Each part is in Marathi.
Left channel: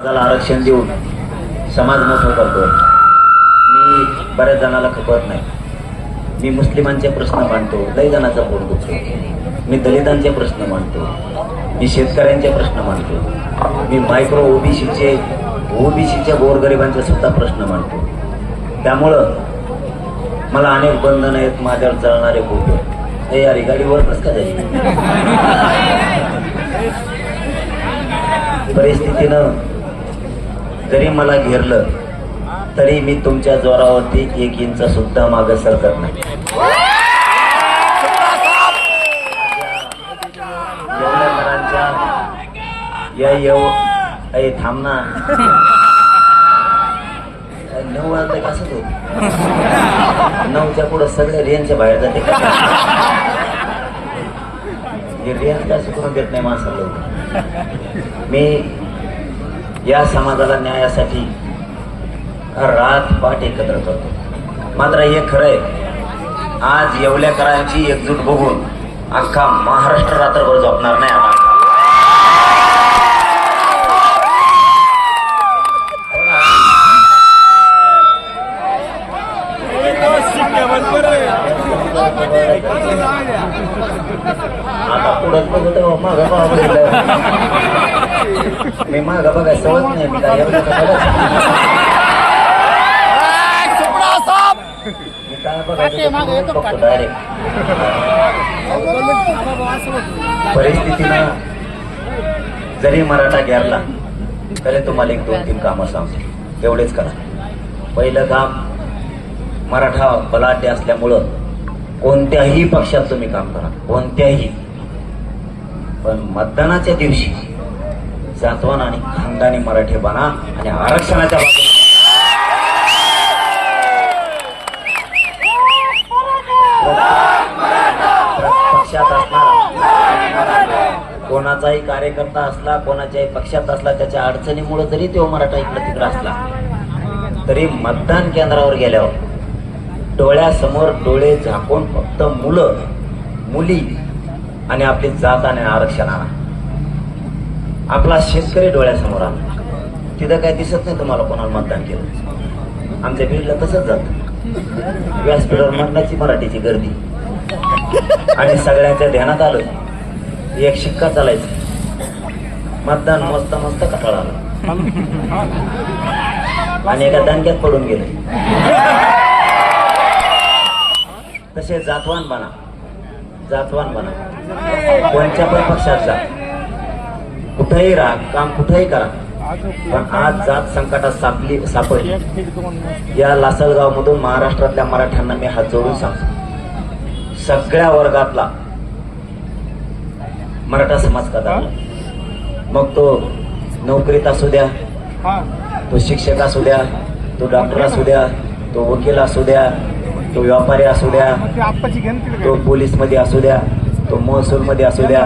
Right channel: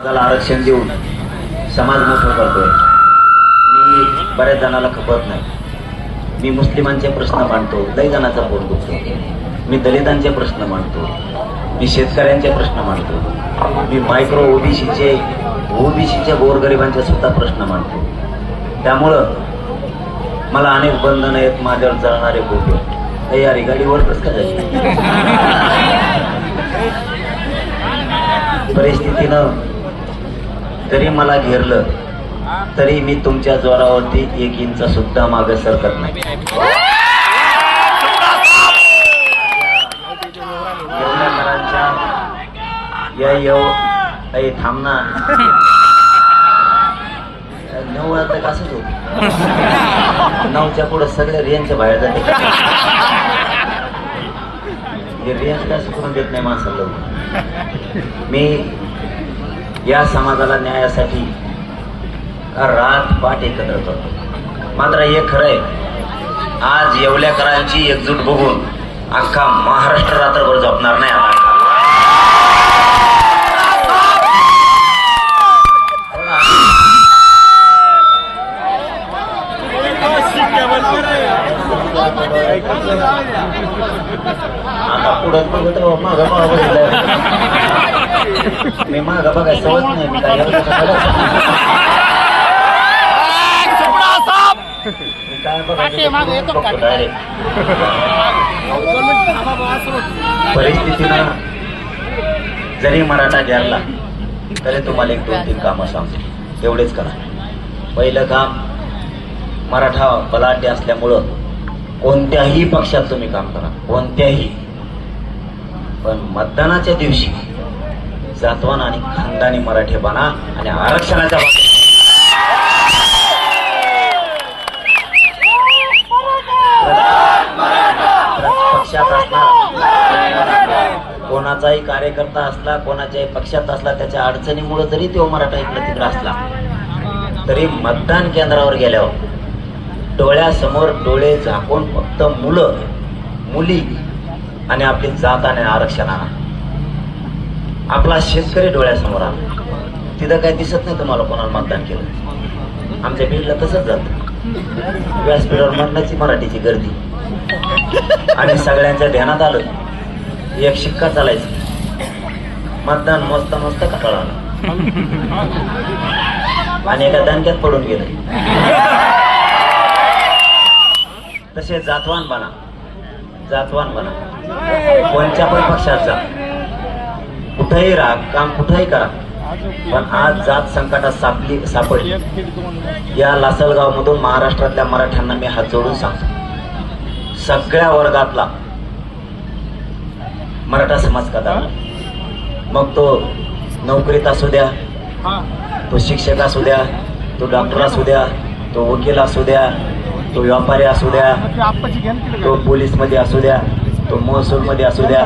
समाजाला आरक्षण देऊन समाज मोठं करतोय. मी बऱ्याच जणाला खपत नाही. मी मुस्लिमांचे प्रश्न मांडतो लय जणांचा दुखतो मी दलितांचे प्रश्न मांडतो मी शेतकऱ्यांचे प्रश्न मांडतो. मी मायक्रो ओबीसीचे ओबीसीच्या गोरगरिबांचे सुद्धा प्रश्न मांडतो. त्यामुळं मला अनेक बंधन आहेत माझ्यावर चालणारे बोटे. हे यार गाडीवर कसं झाली परिस्थितीनं जरी मला घेरलं तरी मी तुमच्या जोरावरती एक इंच सुद्धा मागे सरकत नाही. या काही थांबना नऊ वाजता कसं होत नऊच्या पुढे सगळे रेंजच्या बाहेर जाते हे रेंज कसं करून देत नाही माणसाला? मी या समाजाला न्यायासाठी रात पाठ एकत्र करतो. मात्र हे खरं आहे आज येवल्याकरांची एकजूट बघून अख्खा महाराष्ट्र रात्रभर झोपणार नाही आता. आता पुढं बघत मी माग बघा सवत नाही मी काय एवढं सगळं- मी काय बघायचं बघतो direct. परिस्थितीनं जरी मराठा घ्यायला तरी तुम्हाला एक दोन तीन कामं सांगतो एवढेच करा पहिलं काम मराठा बलाढ्य असल्यामुळं कोणत्याही पक्षात तुम्ही काम करा कोणत्याही पण मतदानाच्या दिवशी जातवान आणि खानदानी मराठे बना आणि आरक्षणाच्या पक्षात असला कोणाचाही कार्यकर्ता असला कोणाच्याही पक्षात असला त्याच्या अडचणीमुळे जरी तो मराठा इकडे तिकडे असला तरी मतदान केंद्रावर गेल्यावर डोळ्यासमोर डोळे झाकून फक्त मुलं मुली आणि आपली जात आणि आरक्षण आणा. आपला शेतकरी डोळ्यासमोर आला. तिथं काय दिसत नाही तुम्हाला कोणाला मतदान केलं. आमच्या बीडला तसंच जात. व्यासपीठावर मतदाची मराठीची गर्दी. आणि सगळ्यांच्या ध्यानात आलं एक शिक्का चालायचं. मतदान मस्त मस्त कटाळा आलं. आणि एका दणक्यात पडून गेलं. तसे जातवान बना. जातवान बना. कोणत्या पण पक्षात जा. कुठेही राहा काम कुठेही करा. पण आज जात संकटात सापली सापडली. या लासलगाव मधून महाराष्ट्रातल्या मराठ्यांना मी हात जोडून सांगतो. सगळ्या वर्गातला मराठा समाज कदा मग तो नोकरीत असू द्या तो शिक्षक असू द्या तो डॉक्टर असू द्या तो वकील असू द्या तो व्यापारी असू द्या तो पोलीसमध्ये असू द्या तो महसूल मध्ये असू द्या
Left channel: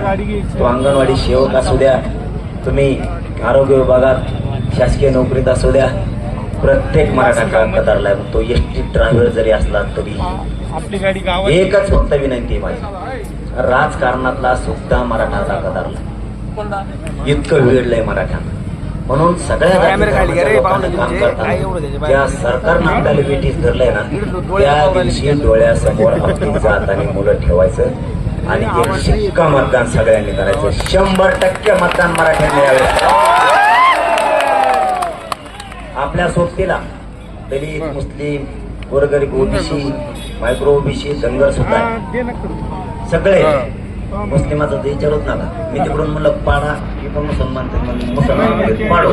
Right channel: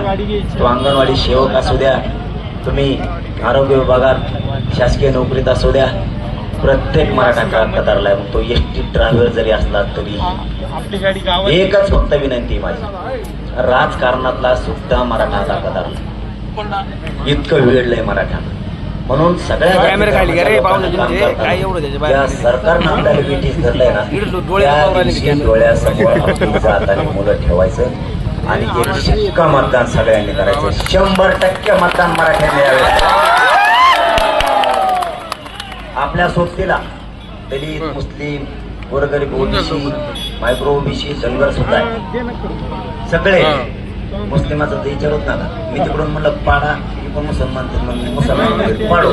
तो अंगणवाडी सेवक असू द्या तुम्ही आरोग्य विभागात शासकीय नोकरीत असू द्या प्रत्येक मराठा आहे. तो एस टी ड्रायव्हर जरी असला तरी. एकच फक्त विनंती माझी. राजकारणातला सुद्धा मराठा कतारला इतकं वेळलंय मराठा. म्हणून सगळ्या सरकारनं आपल्याला ब्रिटिश धरलंय ना इकडे डोळे त्या पाहून राहिले दिवशी की. डोळ्यासमोर आपली जात आणि मुलं ठेवायचं. आणि एक शिक्का मतदान सगळ्यांनी करायचं. शंभर टक्के मतदान मराठ्यांनी यावे. आपल्या सोबतीला दलित मुस्लिम गोरगरीब ओबीसी मायक्रो ओबीसी धनगर सुद्धा. सगळे मुस्लिमाचं ते विचारत ना मी तिकडून म्हणलं पाडा पण मुसलमान मुसलमान पाडू.